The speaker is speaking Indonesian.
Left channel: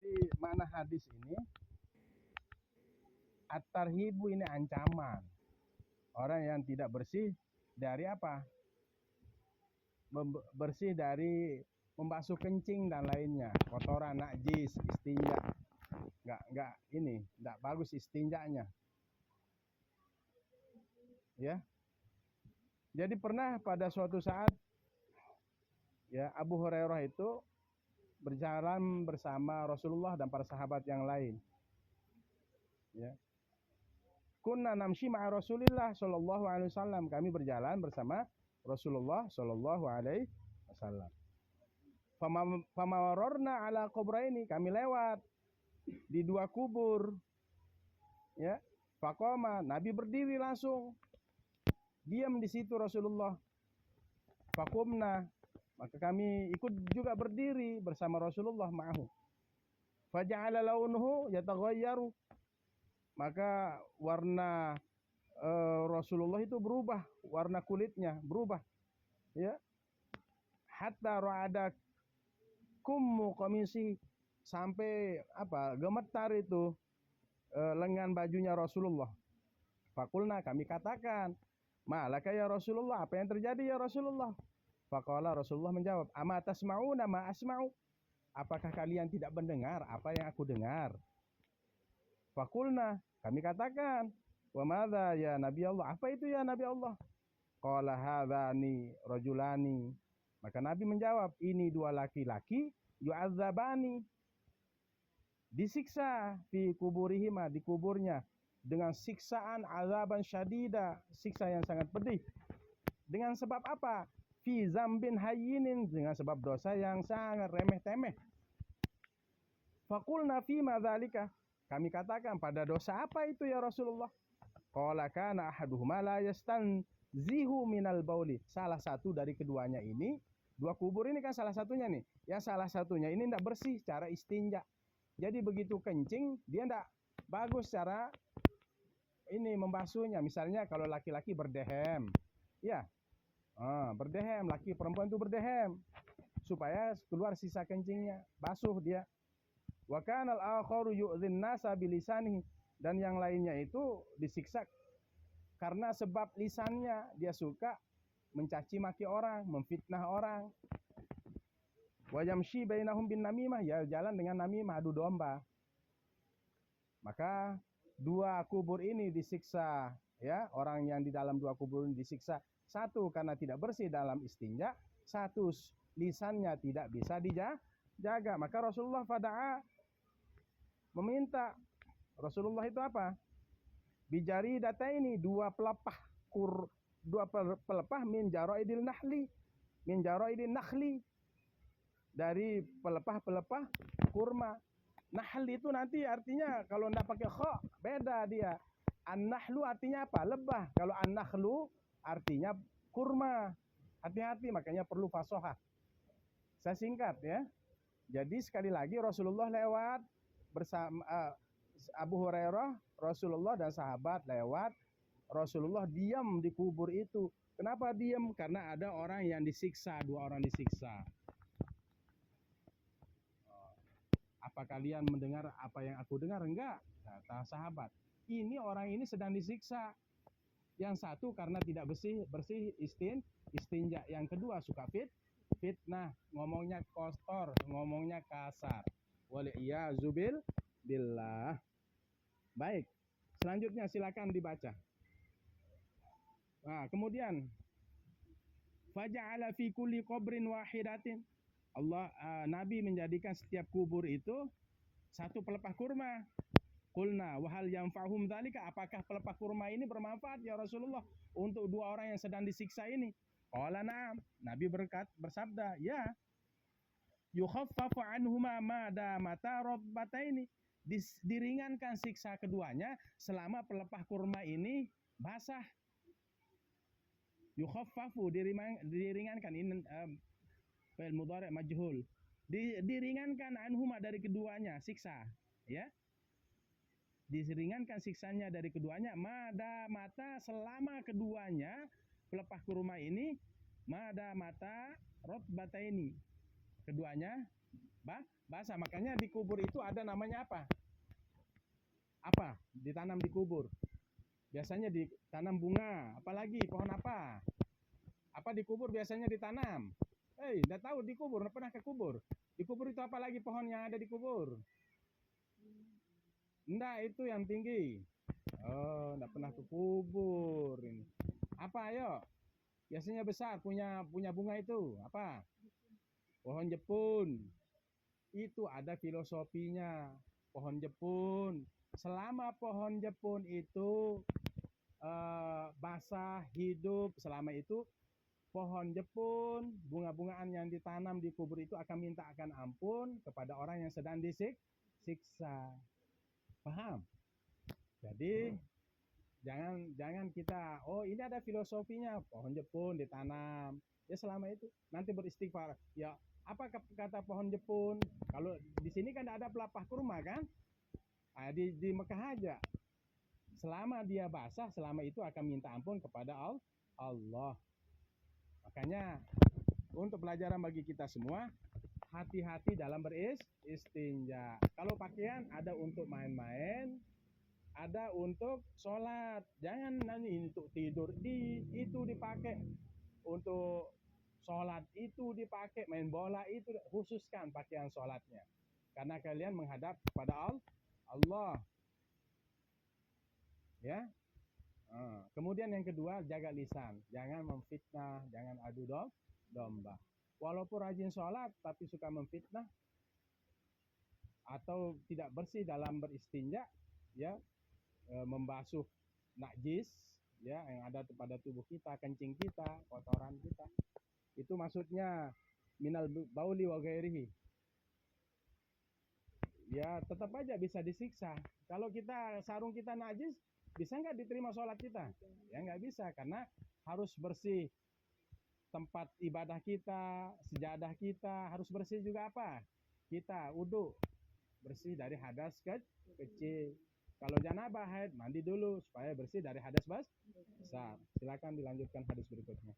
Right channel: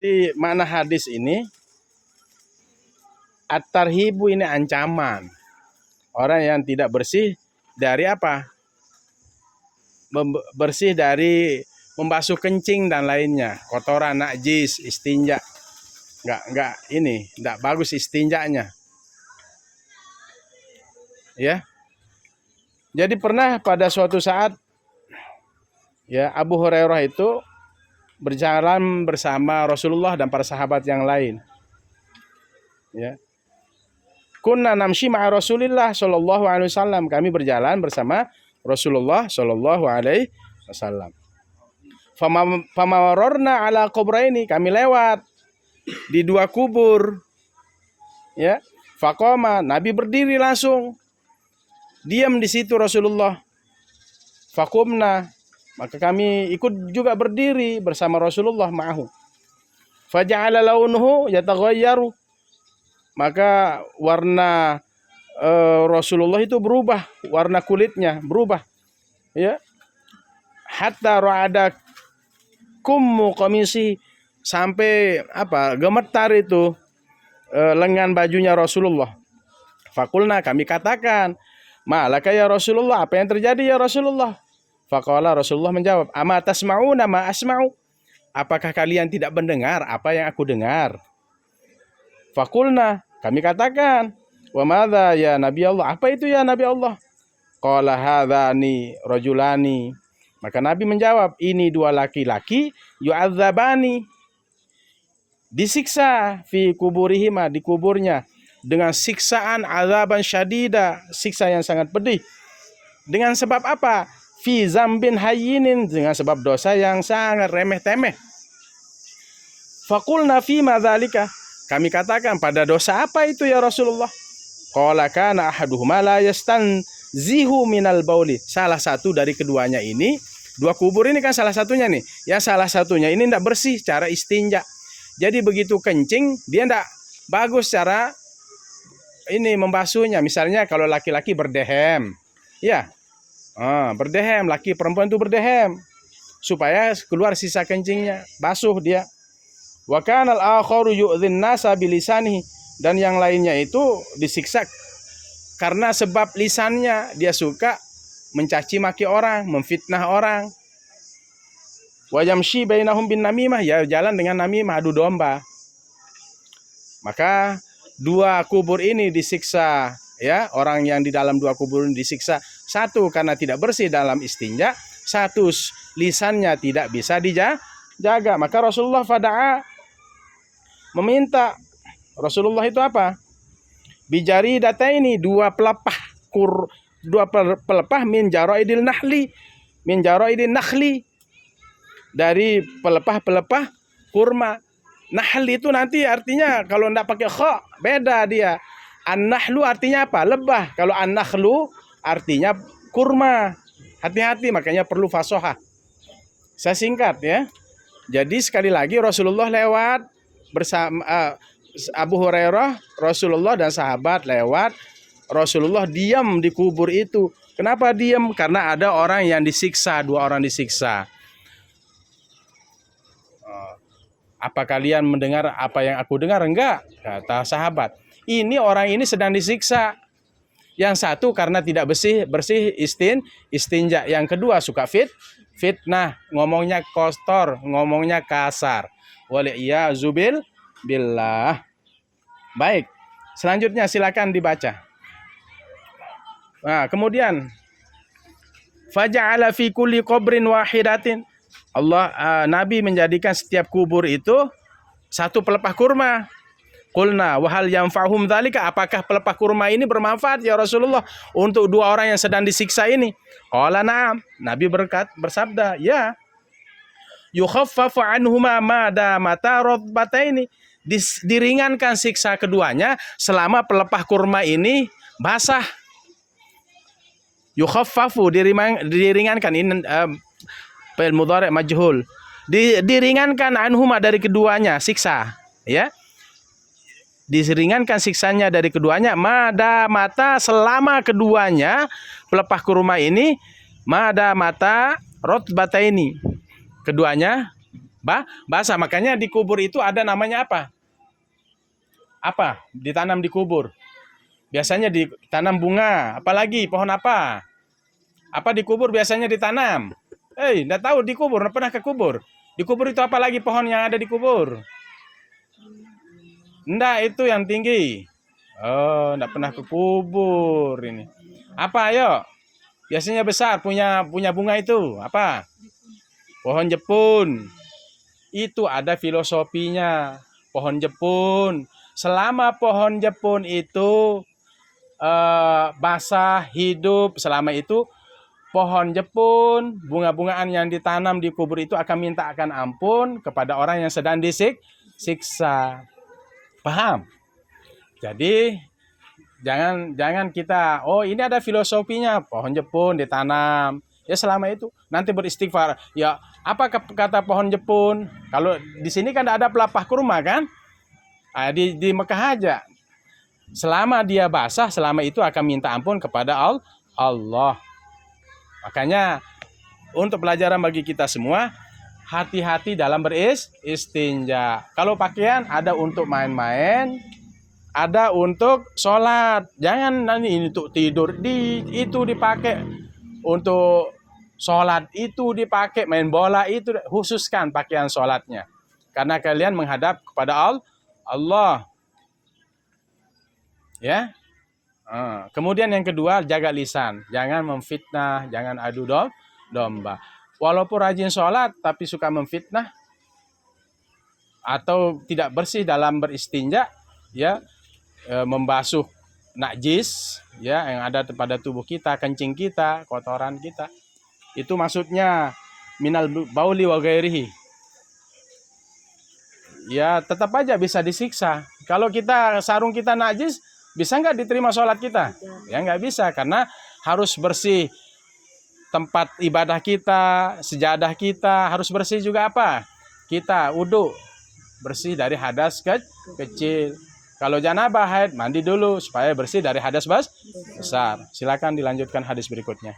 Di makna hadis ini, at-tarhibu ini ancaman. Orang yang tidak bersih dari apa? Bersih dari membasuh kencing dan lainnya, kotoran, najis, istinja. Enggak bagus istinjanya. Ya. Jadi pernah pada suatu saat ya Abu Hurairah itu berjalan bersama Rasulullah dan para sahabat yang lain. Ya. Kunna namshi ma'a Rasulillah sallallahu alaihi wasallam. Kami berjalan bersama Rasulullah sallallahu alaihi wasallam. Famawarorna ala kubraini. Kami lewat di dua kubur. Ya. Faqama, Nabi berdiri langsung. Diam di situ Rasulullah. Faqumna, maka kami ikut juga berdiri bersama Rasulullah ma'ahu. Faja'ala launuhu yataghayyaru. Maka warna Rasulullah itu berubah, warna kulitnya berubah. Ya. Hatta ra'ada kummu qamisi, sampai apa? Gemetar itu lengan bajunya Rasulullah. Fakulna, kami katakan, malaka ya Rasulullah, apa yang terjadi ya Rasulullah? Faqala, Rasulullah menjawab, ama tasma'una ma asma'u. Apakah kalian tidak mendengar apa yang aku dengar? Fakulna, kami katakan, wa madza ya Nabi Allah? Apa itu ya Nabi Allah? Qala hadzani rajulani. Maka Nabi menjawab, ini dua laki-laki yu'adzabani, disiksa fi kuburihima, di kuburnya, dengan siksaan azaban syadida, siksa yang sangat pedih. Dengan sebab apa? Fi zambin hayyinin, dengan sebab dosa yang sangat remeh-temeh. Faqulna fi madzalika, kami katakan, pada dosa apa itu ya Rasulullah? Qala kana ahaduhuma la yastanzihu minal bauli. Salah satu dari keduanya ini, dua kubur ini kan salah satunya nih. Ya salah satunya ini tidak bersih cara istinja. Jadi begitu kencing, dia tidak bagus cara ini membasuhnya. Misalnya kalau laki-laki berdehem, ya, berdehem, laki perempuan itu berdehem, supaya keluar sisa kencingnya, basuh dia. Wa kana al-akharu yu'dhin nasa bilisanihi, dan yang lainnya itu disiksa karena sebab lisannya, dia suka mencaci maki orang, memfitnah orang. Wa yamshi bainahum bin namimah, ya jalan dengan namimah, adu domba. Maka dua kubur ini disiksa, ya, orang yang di dalam dua kubur ini disiksa, satu karena tidak bersih dalam istinja, satu lisannya tidak bisa dijaga. Maka Rasulullah fada'a, meminta. Rasulullah itu apa? Bijari data ini, dua pelepah min jaraidil nakhli, dari pelepah-pelepah kurma. Nahl itu nanti artinya kalau enggak pakai kha, beda dia. An-nahlu artinya apa? Lebah. Kalau an-nakhlu artinya kurma. Hati-hati, makanya perlu fasohah. Saya singkat ya. Jadi sekali lagi Rasulullah lewat bersama Abu Hurairah, Rasulullah dan sahabat lewat. Rasulullah diam di kubur itu. Kenapa diam? Karena ada orang yang disiksa, dua orang disiksa. Apa kalian mendengar apa yang aku dengar? Enggak, kata sahabat. Ini orang ini sedang disiksa. Yang satu karena tidak bersih istinja. Yang kedua suka fitnah, ngomongnya kotor, ngomongnya kasar. Waliyazu billah. Baik, selanjutnya silakan dibaca. Nah, kemudian faja'ala fi kulli qabrin wahidatin. Nabi menjadikan setiap kubur itu satu pelepah kurma. Qulna wa hal yanfa'hum dzalika, apakah pelepah kurma ini bermanfaat ya Rasulullah untuk dua orang yang sedang disiksa ini? Qala na'am, Nabi bersabda, ya. Yukhaffafu anhuma ma damata radbataini, diringankan siksa keduanya selama pelepah kurma ini basah. Yukhaffafu, diringankan, ini fi'il mudhari' majhul, diringankan anhuma, dari keduanya siksa, ya, diringankan siksanya dari keduanya, mada mata, selama keduanya pelepah kurma ini, mada mata rotbata ini, keduanya basah. Makanya di kubur itu ada namanya apa? Apa? Ditanam di kubur. Biasanya ditanam bunga, apalagi pohon apa? Apa di kubur biasanya ditanam? Enggak tahu di kubur, enggak pernah ke kubur. Di kubur itu apa lagi pohon yang ada di kubur? Enggak, itu yang tinggi. Oh, enggak pernah ke kubur ini. Apa, ayo? Biasanya besar, punya bunga itu. Apa? Pohon jepun. Itu ada filosofinya. Pohon jepun. Selama pohon jepun itu basah, hidup, selama itu pohon jepun, bunga-bungaan yang ditanam di kubur itu akan minta akan ampun kepada orang yang sedang disiksa. Paham? Jadi jangan kita, oh ini ada filosofinya, pohon jepun ditanam. Ya selama itu nanti beristighfar. Ya apa kata pohon jepun? Kalau di sini kan ada pelepah kurma kan? Di Mekah aja. Selama dia basah, selama itu akan minta ampun kepada Allah. Makanya untuk pelajaran bagi kita semua, hati-hati dalam beristinja. Kalau pakaian ada untuk main-main, ada untuk sholat. Jangan nanti ini untuk tidur, itu dipakai untuk sholat, itu dipakai main bola, itu khususkan pakaian sholatnya. Karena kalian menghadap kepada Allah. Ya. Kemudian yang kedua, jaga lisan. Jangan memfitnah, jangan adu domba. Walaupun rajin sholat, tapi suka memfitnah atau tidak bersih dalam beristinja, ya, membasuh najis, ya, yang ada pada tubuh kita, kencing kita, kotoran kita. Itu maksudnya minal bauli wa ghairihi. Ya, tetap aja bisa disiksa. Kalau sarung kita najis, bisa nggak diterima sholat kita? Ya nggak bisa, karena harus bersih tempat ibadah kita, sejadah kita, harus bersih juga apa? Kita wudu, bersih dari hadas kecil. Kalau janabah haid, mandi dulu supaya bersih dari hadas besar. Silakan dilanjutkan hadis berikutnya.